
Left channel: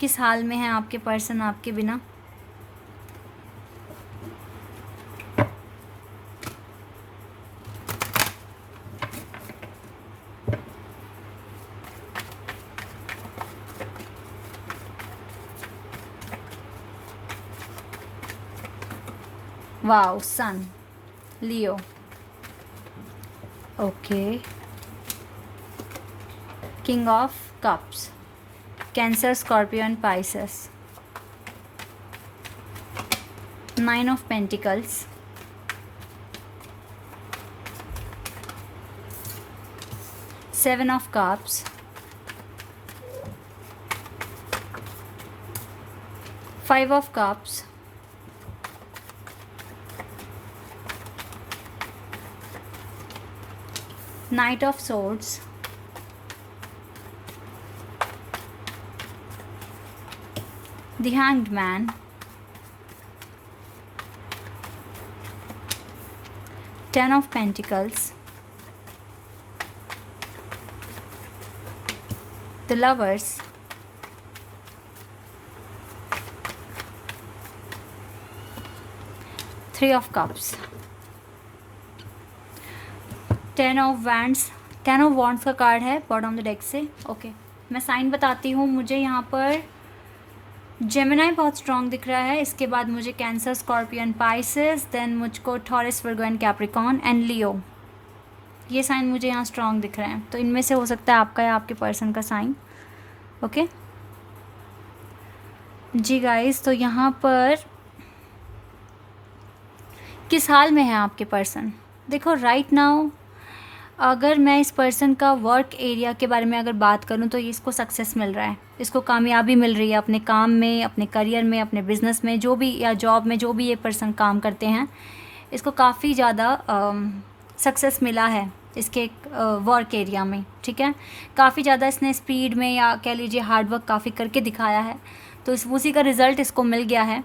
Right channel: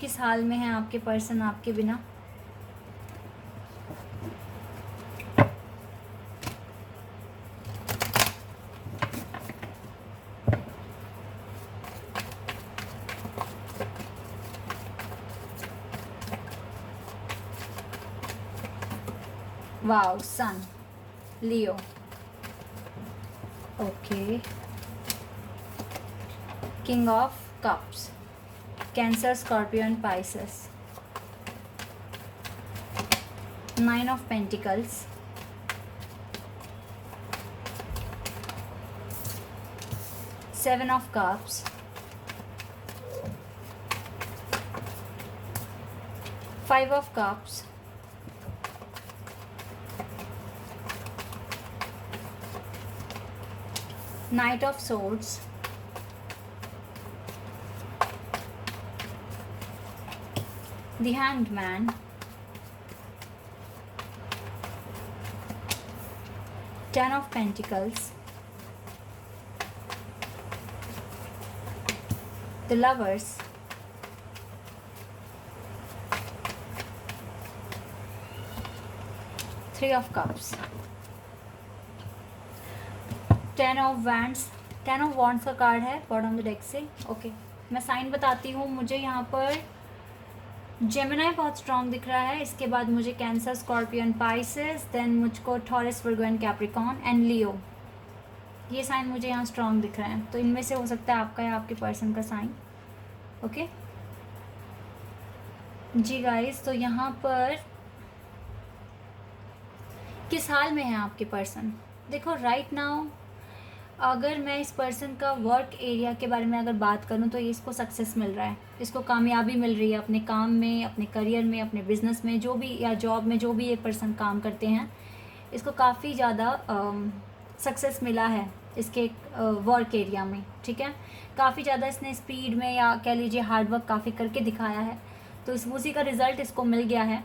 किस हाल में है आपके पर्सन आपके बिना। Wow, sun, Leo, okay, king of cups, Cancer, Scorpio and Pisces, 9 of pentacles, seven of cups, 5 of cups, Knight of Swords, the Hanged Man, Ten of Pentacles, the Lovers, Three of Cups, ten of wands का कार्ड है बॉटम द डेक से। ओके, मैं साइन बताती हूँ। मुझे यहाँ पर जेमिनाई बहुत स्ट्रॉन्ग दिख रहा है, इसके बाद मुझे cancer, Scorpio and Pisces, then मुझको Taurus, Virgo and Capricorn and Leo, ये साइन मुझे यहाँ स्ट्रॉन्ग दिख रहे हैं। तो इनमें से हो सकता है आपका या आपके पर्सन का साइन। ओके जी गाइस, तो यहाँ पर किस हाल में है आपके पर्सन। देखो राइट नाउ अगर मैं इस पर्सन का वर्क एरिया के बारे में अगर बात करूं तो इसको सक्सेस मिल रहा है, इसको कामयाबी मिल रही है अपने काम में, अपने करियर में, अपने बिजनेस में, जो भी या जॉब में जो भी ये पर्सन काम करते हैं, इसको काफ़ी ज़्यादा सक्सेस मिला है इसके वर्क एरिया में। ठीक है, काफ़ी ज़्यादा इसने स्पीड में या कह लीजिए हार्डवर्क काफ़ी करके दिखाया है, तो उसी का रिज़ल्ट इसको मिल गया है।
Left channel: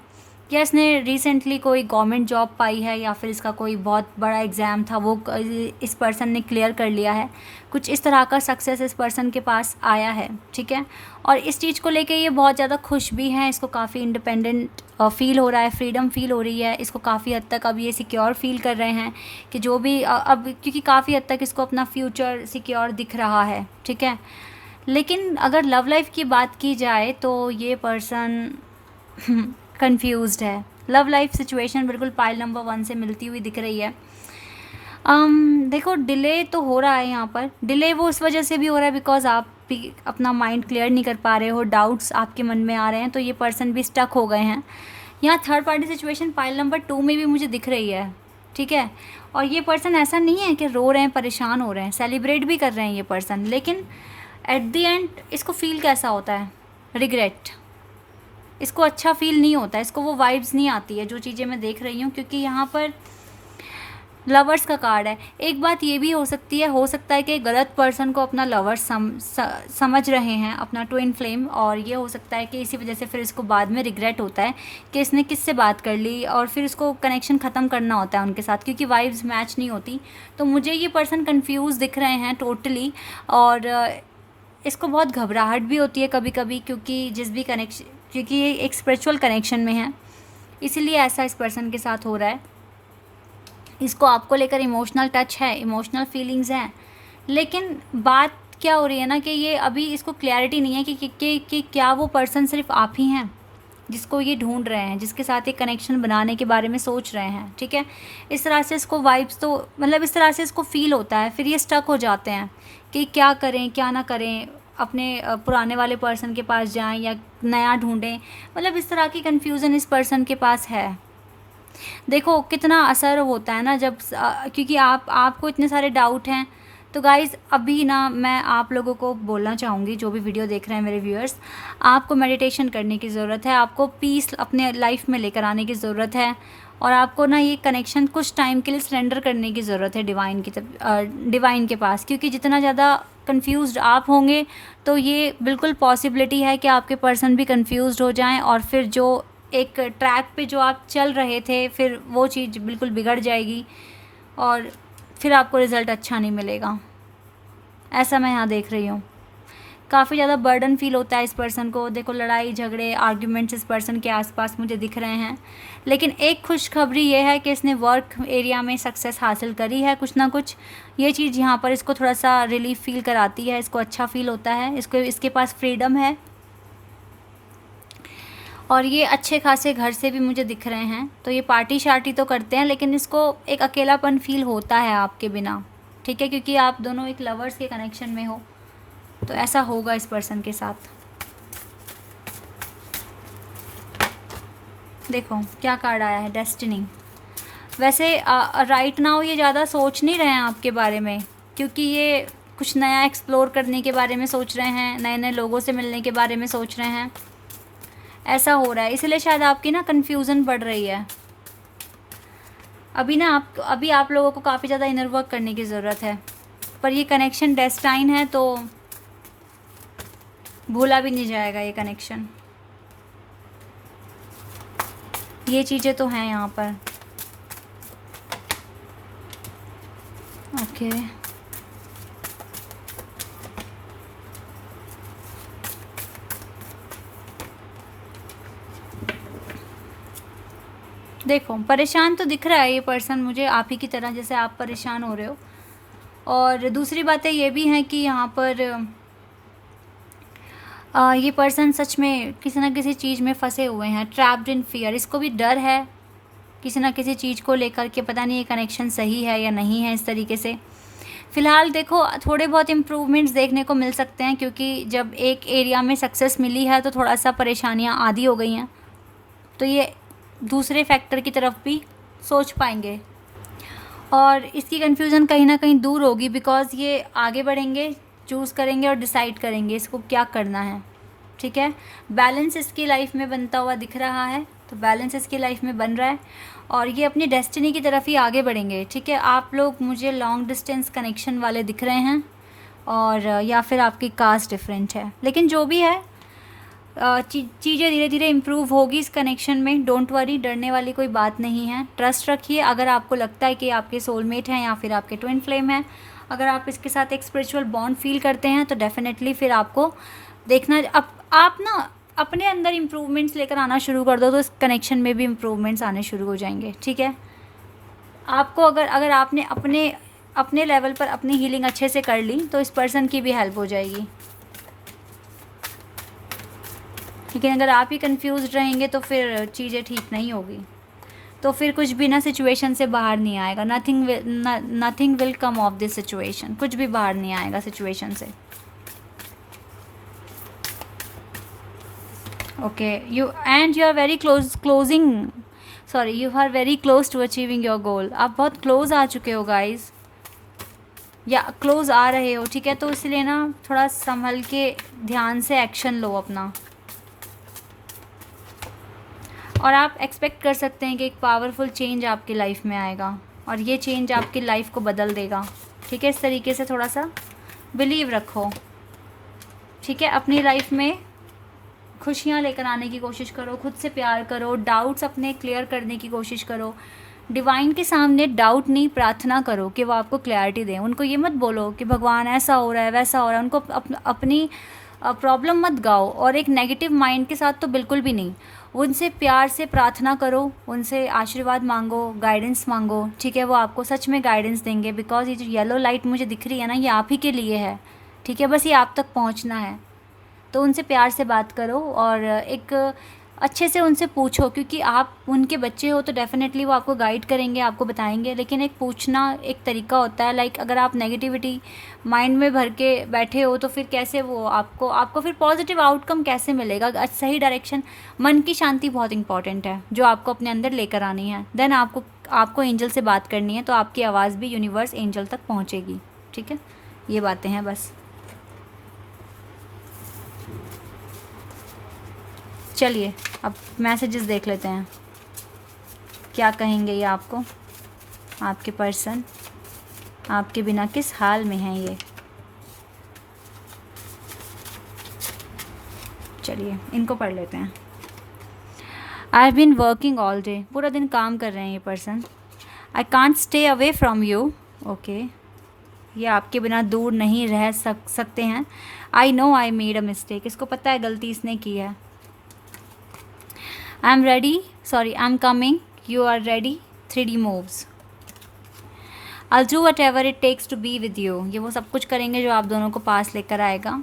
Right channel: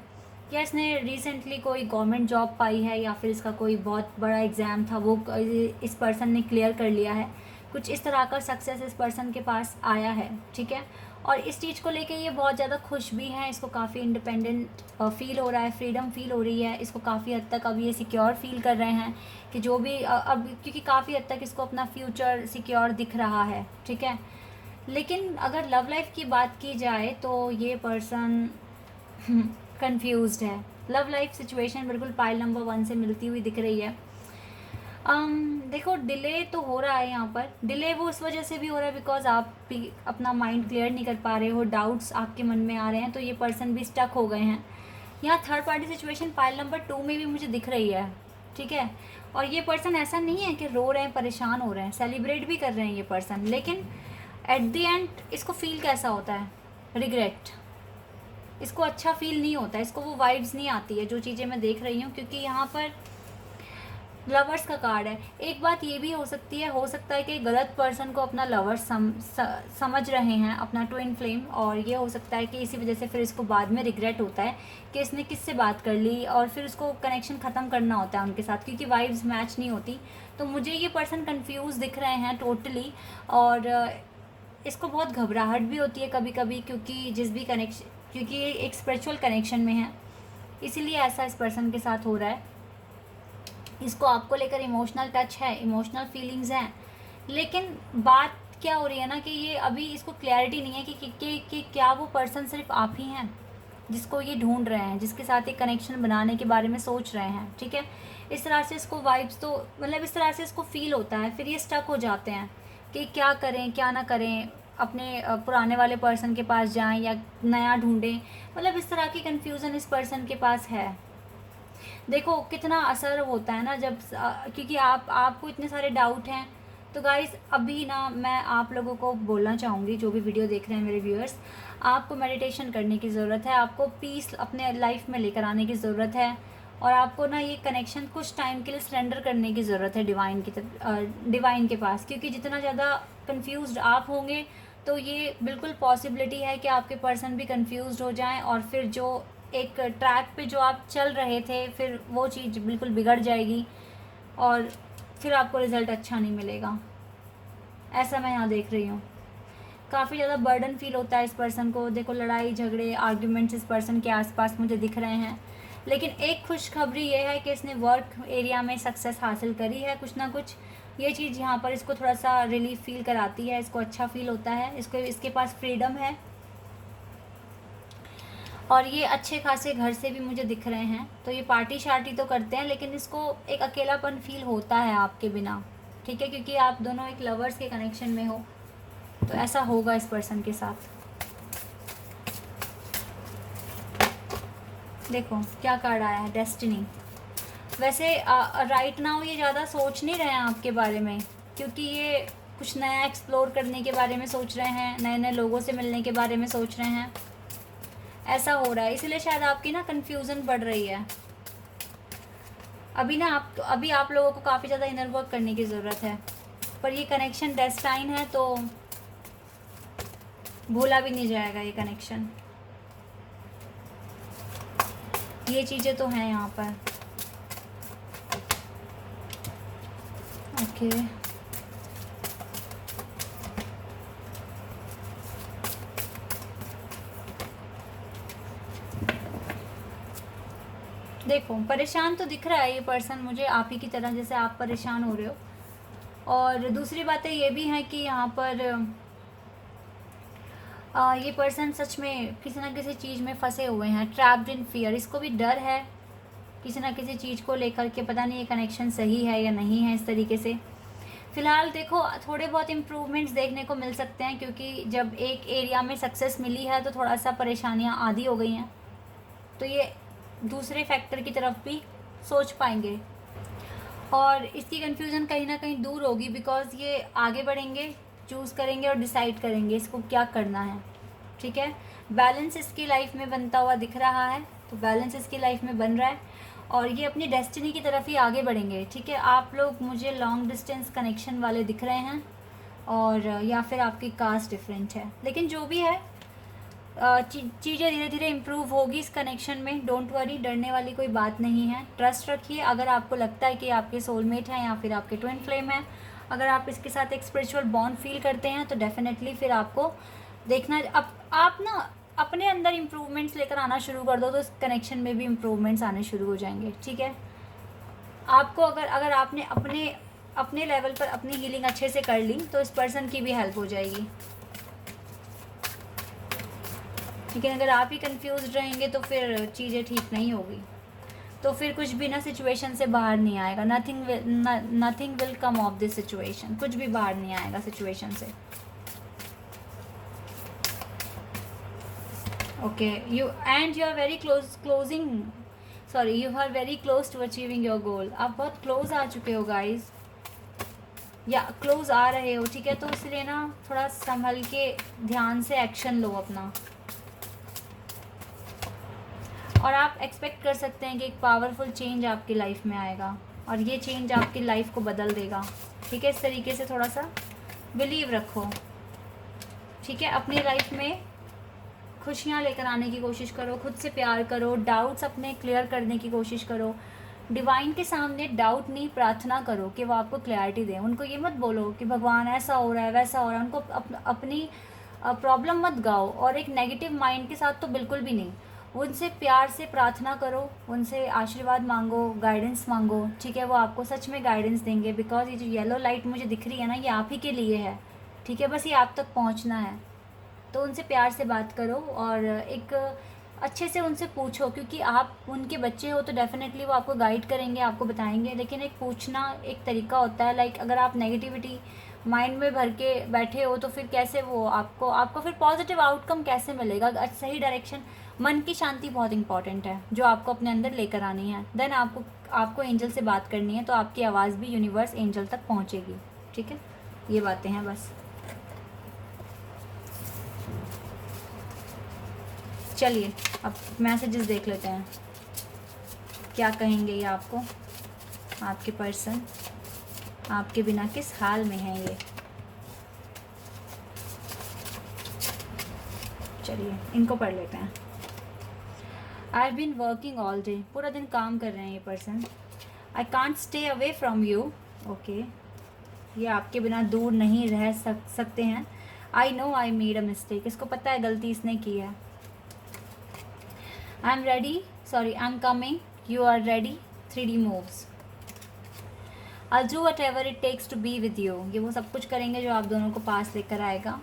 या इसने रिसेंटली कोई गवर्नमेंट जॉब पाई है या फिर इसका कोई बहुत बड़ा एग्ज़ाम था वो इस पर्सन ने क्लियर कर लिया है, कुछ इस तरह का सक्सेस इस पर्सन के पास आया है। ठीक है, और इस चीज़ को लेके ये बहुत ज़्यादा खुश भी हैं, इसको काफ़ी इंडिपेंडेंट फील हो रहा है, फ्रीडम फील हो रही है इसको, काफ़ी हद तक अब ये सिक्योर फील कर रहे हैं कि जो भी अब क्योंकि काफ़ी हद तक इसको अपना फ्यूचर सिक्योर दिख रहा है। ठीक है, लेकिन अगर लव लाइफ की बात की जाए तो ये पर्सन कंफ्यूज्ड है। लव लाइफ सिचुएशन बिल्कुल पाइल नंबर 1 से मिलती हुई दिख रही है। देखो डिले तो हो रहा है यहाँ पर, डिले वो इस वजह से भी हो रहा है बिकॉज आप भी अपना माइंड क्लियर नहीं कर पा रहे हो, डाउट्स आपके मन में आ रहे हैं, तो ये पर्सन भी स्टक हो गए हैं। यहाँ third party situation pile number 2 में भी मुझे दिख रही है। ठीक है, और ये पर्सन ऐसा नहीं है कि रो रहे हैं, परेशान हो रहे हैं, सेलिब्रेट भी कर रहे हैं ये पर्सन, लेकिन एट द एंड इसको फील कैसा होता है, रिग्रेट, इसको अच्छा फील नहीं होता है, इसको वो वाइब्स नहीं आती है जो चीज़ें मैं देख रही हूँ, क्योंकि यहाँ पर लवर्स का कार्ड है। एक बात ये भी हो सकता है कि गलत पर्सन को अपना लवर समझ रहे हैं, अपना ट्विन फ्लेम, और ये हो सकता है कि इसी वजह से फिर इसको बाद में रिग्रेट होता है कि इसने किससे बात कर ली और फिर इसको कनेक्शन ख़त्म करना होता है उनके साथ, क्योंकि वाइब्स मैच नहीं होती। तो मुझे ये पर्सन कन्फ्यूज़ दिख रहे हैं टोटली, और इसको बहुत घबराहट भी होती है कभी कभी, क्योंकि ये एक स्पिरिचुअल कनेक्शन में है, इसीलिए ऐसा इस पर्सन के साथ हो रहा है। इसको आपको लेकर इमोशनल टच है, इमोशनल फीलिंग्स हैं, लेकिन बात क्या हो रही है ना कि ये अभी इसको क्लैरिटी नहीं है कि क्या वो पर्सन सिर्फ आप ही हैं जिसको ये ढूंढ रहे हैं, जिसके साथ एक कनेक्शन बनाने के बारे में सोच रहे हैं। ठीक है, इस तरह से इसको वाइब्स तो मतलब इस तरह से इसको फील होता है, फिर ये स्टक हो जाते हैं कि क्या करें क्या ना करें, अपने पुराने वाले पर्सन के पास जाएं या नया ढूंढें, मतलब इस तरह की कन्फ्यूज़न इस पर्सन के पास है। देखो कितना असर होता है ना जब क्योंकि आपको इतने सारे डाउट हैं। तो गाइज़ अभी ना मैं आप लोगों को बोलना चाहूँगी, जो भी वीडियो देख रहे हैं मेरे व्यूअर्स, आपको मेडिटेशन करने की ज़रूरत है, आपको पीस अपने लाइफ में लेकर आने की ज़रूरत है, और आपको ना ये कनेक्शन कुछ टाइम के लिए सरेंडर करने की ज़रूरत है डिवाइन के पास, क्योंकि जितना ज़्यादा कंफ्यूज्ड आप होंगे तो ये बिल्कुल पॉसिबिलिटी है कि आपके पर्सन भी कंफ्यूज्ड हो जाएं, और फिर जो एक ट्रैक पे जो आप चल रहे थे फिर वो चीज़ बिल्कुल बिगड़ जाएगी और फिर आपको रिज़ल्ट अच्छा नहीं मिलेगा। ऐसा मैं यहाँ देख रही हूँ। काफ़ी ज़्यादा बर्डन फील होता है इस पर्सन को। देखो लड़ाई झगड़े आर्ग्यूमेंट्स इस पर्सन के आसपास मुझे दिख रहे हैं। लेकिन एक खुशखबरी ये है कि इसने वर्क एरिया में सक्सेस हासिल करी है कुछ ना कुछ। ये चीज़ यहाँ पर इसको थोड़ा सा रिलीफ फील कराती है, इसको अच्छा फील होता है, इसके पास फ्रीडम है और ये अच्छे खासे घर से भी मुझे दिख रहे हैं। तो ये पार्टी शार्टी तो करते हैं लेकिन इसको एक अकेलापन फील होता है आपके बिना, ठीक है, क्योंकि आप दोनों एक लवर्स के कनेक्शन में हो। तो ऐसा होगा इस पर्सन के साथ। देखो क्या कार्ड आया है, डेस्टिनी। वैसे राइट नाउ ये ज़्यादा सोच नहीं रहे हैं आपके बारे में, क्योंकि ये कुछ नया एक्सप्लोर करने के बारे में सोच रहे हैं, नए नए लोगों से मिलने के बारे में सोच रहे हैं। ऐसा हो रहा है, इसलिए शायद आपकी ना कन्फ्यूज़न बढ़ रही है। अभी आप लोगों को काफ़ी ज़्यादा इनर वर्क करने की ज़रूरत है। पर ये कनेक्शन डेस्टाइन है तो भूला भी नहीं जाएगा ये कनेक्शन। ये चीज़ें तो हैं यहाँ पर। ओके देखो परेशान तो दिख रहा है ये पर्सन मुझे, आप ही की तरह जैसे आप परेशान हो रहे हो। और दूसरी बातें ये भी हैं कि यहाँ पर ये पर्सन सच में किसी ना किसी चीज़ में फंसे हुए हैं, ट्रैप्ड इन फियर। इसको भी डर है किसी ना किसी चीज़ को लेकर के, पता नहीं ये कनेक्शन सही है या नहीं है। इस तरीके से फ़िलहाल देखो थोड़े बहुत इम्प्रूवमेंट्स देखने को मिल सकते हैं, क्योंकि जब एक एरिया में सक्सेस मिली है तो थोड़ा सा परेशानियाँ आधी हो गई हैं, तो ये दूसरे फैक्टर की तरफ भी सोच पाएंगे और इसकी कन्फ्यूज़न कहीं ना कहीं दूर होगी, बिकॉज़ ये आगे बढ़ेंगे, चूज़ करेंगे और डिसाइड करेंगे इसको क्या करना है। ठीक है, बैलेंस इसकी लाइफ में बनता हुआ दिख रहा है, तो बैलेंस इसकी लाइफ में बन रहा है और ये अपनी डेस्टिनी की तरफ ही आगे बढ़ेंगे। ठीक है, आप लोग मुझे लॉन्ग डिस्टेंस कनेक्शन वाले दिख रहे हैं और या फिर आपकी कास्ट डिफरेंट है, लेकिन जो भी है चीज़ें धीरे धीरे इम्प्रूव होगी इस कनेक्शन में। डोंट वरी, डरने वाली कोई बात नहीं है, ट्रस्ट रखिए। अगर आपको लगता है कि आपके सोलमेट हैं या फिर आपके ट्विन फ्लेम हैं, अगर आप इसके साथ एक स्पिरिचुअल बॉन्ड फील करते हैं तो डेफिनेटली फिर आपको देखना आप ना अपने अंदर इम्प्रूवमेंट्स लेकर आना शुरू कर दो तो इस कनेक्शन में भी इम्प्रूवमेंट्स आने शुरू हो जाएंगे। ठीक है, आपको अगर आपने अपने लेवल पर अपनी हीलिंग अच्छे से कर ली तो इस पर्सन की भी हेल्प हो जाएगी। लेकिन अगर आप ही कंफ्यूज रहेंगे तो फिर चीज़ें ठीक नहीं होगी, तो फिर कुछ भी ना सिचुएशन से बाहर नहीं आएगा। Nothing will come of this situation, कुछ भी बाहर नहीं आएगा सिचुएशन से। Okay, you are very you are very close to achieving your goal. आप बहुत क्लोज आ चुके हो गाइज, या क्लोज आ रहे हो। ठीक है, तो इसलिए ना थोड़ा संभल के ध्यान से एक्शन लो अपना, और आप एक्सपेक्ट कर सकते हैं कि एक पावरफुल चेंज आपकी लाइफ में आएगा और ये चेंज आपकी लाइफ को बदल देगा। ठीक है, इस तरीके से थोड़ा सा बिलीव रखो। ठीक है, अपनी लाइफ में खुशियाँ लेकर आने की कोशिश करो, खुद से प्यार करो, डाउट्स अपने क्लियर करने की कोशिश करो। डिवाइन के सामने डाउट नहीं, प्रार्थना करो कि वो आपको क्लैरिटी दें। उनको ये मत बोलो कि भगवान ऐसा हो रहा है वैसा हो रहा है, उनको अपनी प्रॉब्लम मत गाओ, और एक नेगेटिव माइंड के साथ तो बिल्कुल भी नहीं। उनसे प्यार से प्रार्थना करो, उनसे आशीर्वाद मांगो, गाइडेंस मांगो। ठीक है, वो आपको सच में गाइडेंस देंगे, बिकॉज ये जो येलो लाइट मुझे दिख रही है ना, ये आप ही के लिए है। ठीक है, बस ये आप तक पहुंचना है। तो उनसे प्यार से बात करो और एक अच्छे से उनसे पूछो, क्योंकि आप उनके बच्चे हो तो डेफिनेटली वो आपको गाइड करेंगे, आपको बताएंगे। लेकिन एक पूछना एक तरीका होता है। लाइक अगर आप नेगेटिविटी माइंड में भर के बैठे हो तो फिर कैसे वो आपको फिर पॉजिटिव आउटकम कैसे मिलेगा, सही डायरेक्शन। मन की शांति बहुत इंपॉर्टेंट है जो आपको अपने अंदर लेकर आनी है। देन आपको एंजल से बात करनी है, तो आपकी आवाज़ भी यूनिवर्स एंजल तक पहुँचेगी। ठीक है, ये बातें हैं बस। चलिए अब मैसेजेस देख लेते हैं, क्या कहेंगे ये आपको, आपके पर्सन आपके बिना किस हाल में हैं ये। चलिए इनको पढ़ लेते हैं। I have been working all day, पूरा दिन काम कर रहे हैं ये person. I can't stay away from you, okay, ये आपके बिना दूर नहीं रह सकते हैं। I know I made a mistake, इसको पता है गलती इसने की है। I am ready, sorry I am coming, you are ready, 3D moves. I'll do whatever it takes to be with you, ये वो सब कुछ करेंगे जो आप दोनों को पास लेकर आएगा।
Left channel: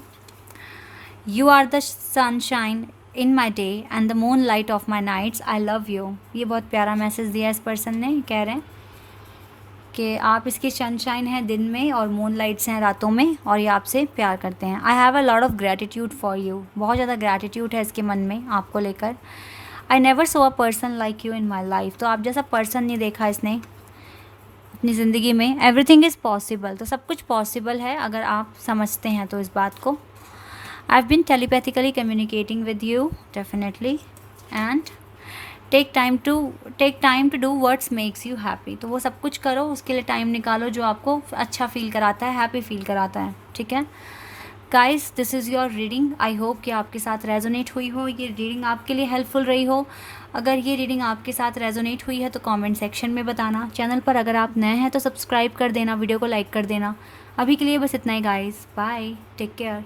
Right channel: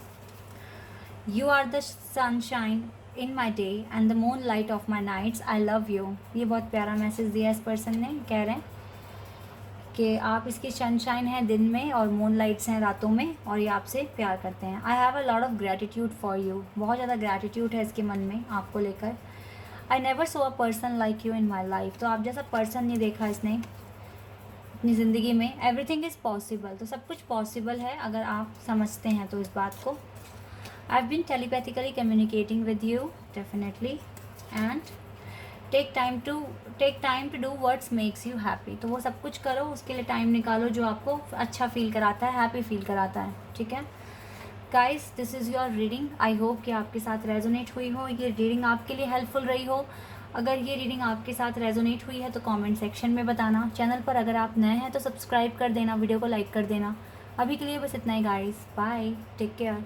You are the sunshine in my day and the moonlight of my nights, I love you। ये बहुत प्यारा मैसेज दिया इस पर्सन ने, कह रहे हैं कि आप इसकी सनशाइन हैं दिन में और मूनलाइट्स हैं रातों में, और ये आपसे प्यार करते हैं। I have a lot of gratitude for you, बहुत ज़्यादा ग्रैटिट्यूड है इसके मन में आपको लेकर। I never so a person like you in my life, तो आप जैसा पर्सन नहीं देखा इसने अपनी ज़िंदगी में। एवरीथिंग इज़ पॉसिबल, तो सब कुछ पॉसिबल है अगर आप समझते हैं तो इस बात को। I have been telepathically communicating with you definitely, and take time to do what's makes you happy, तो वो सब कुछ करो, उसके लिए टाइम निकालो जो आपको अच्छा फील कराता है, हैप्पी फील कराता है, ठीक है। Guys, this is your reading, I hope कि आपके साथ रेजोनेट हुई हो, ये रीडिंग आपके लिए हेल्पफुल रही हो। अगर ये रीडिंग आपके साथ रेजोनेट हुई है तो कमेंट सेक्शन में बताना। चैनल पर अगर आप नए हैं तो सब्सक्राइब कर देना, वीडियो को लाइक कर देना। अभी के लिए बस इतना ही गाइस, बाय, टेक केयर।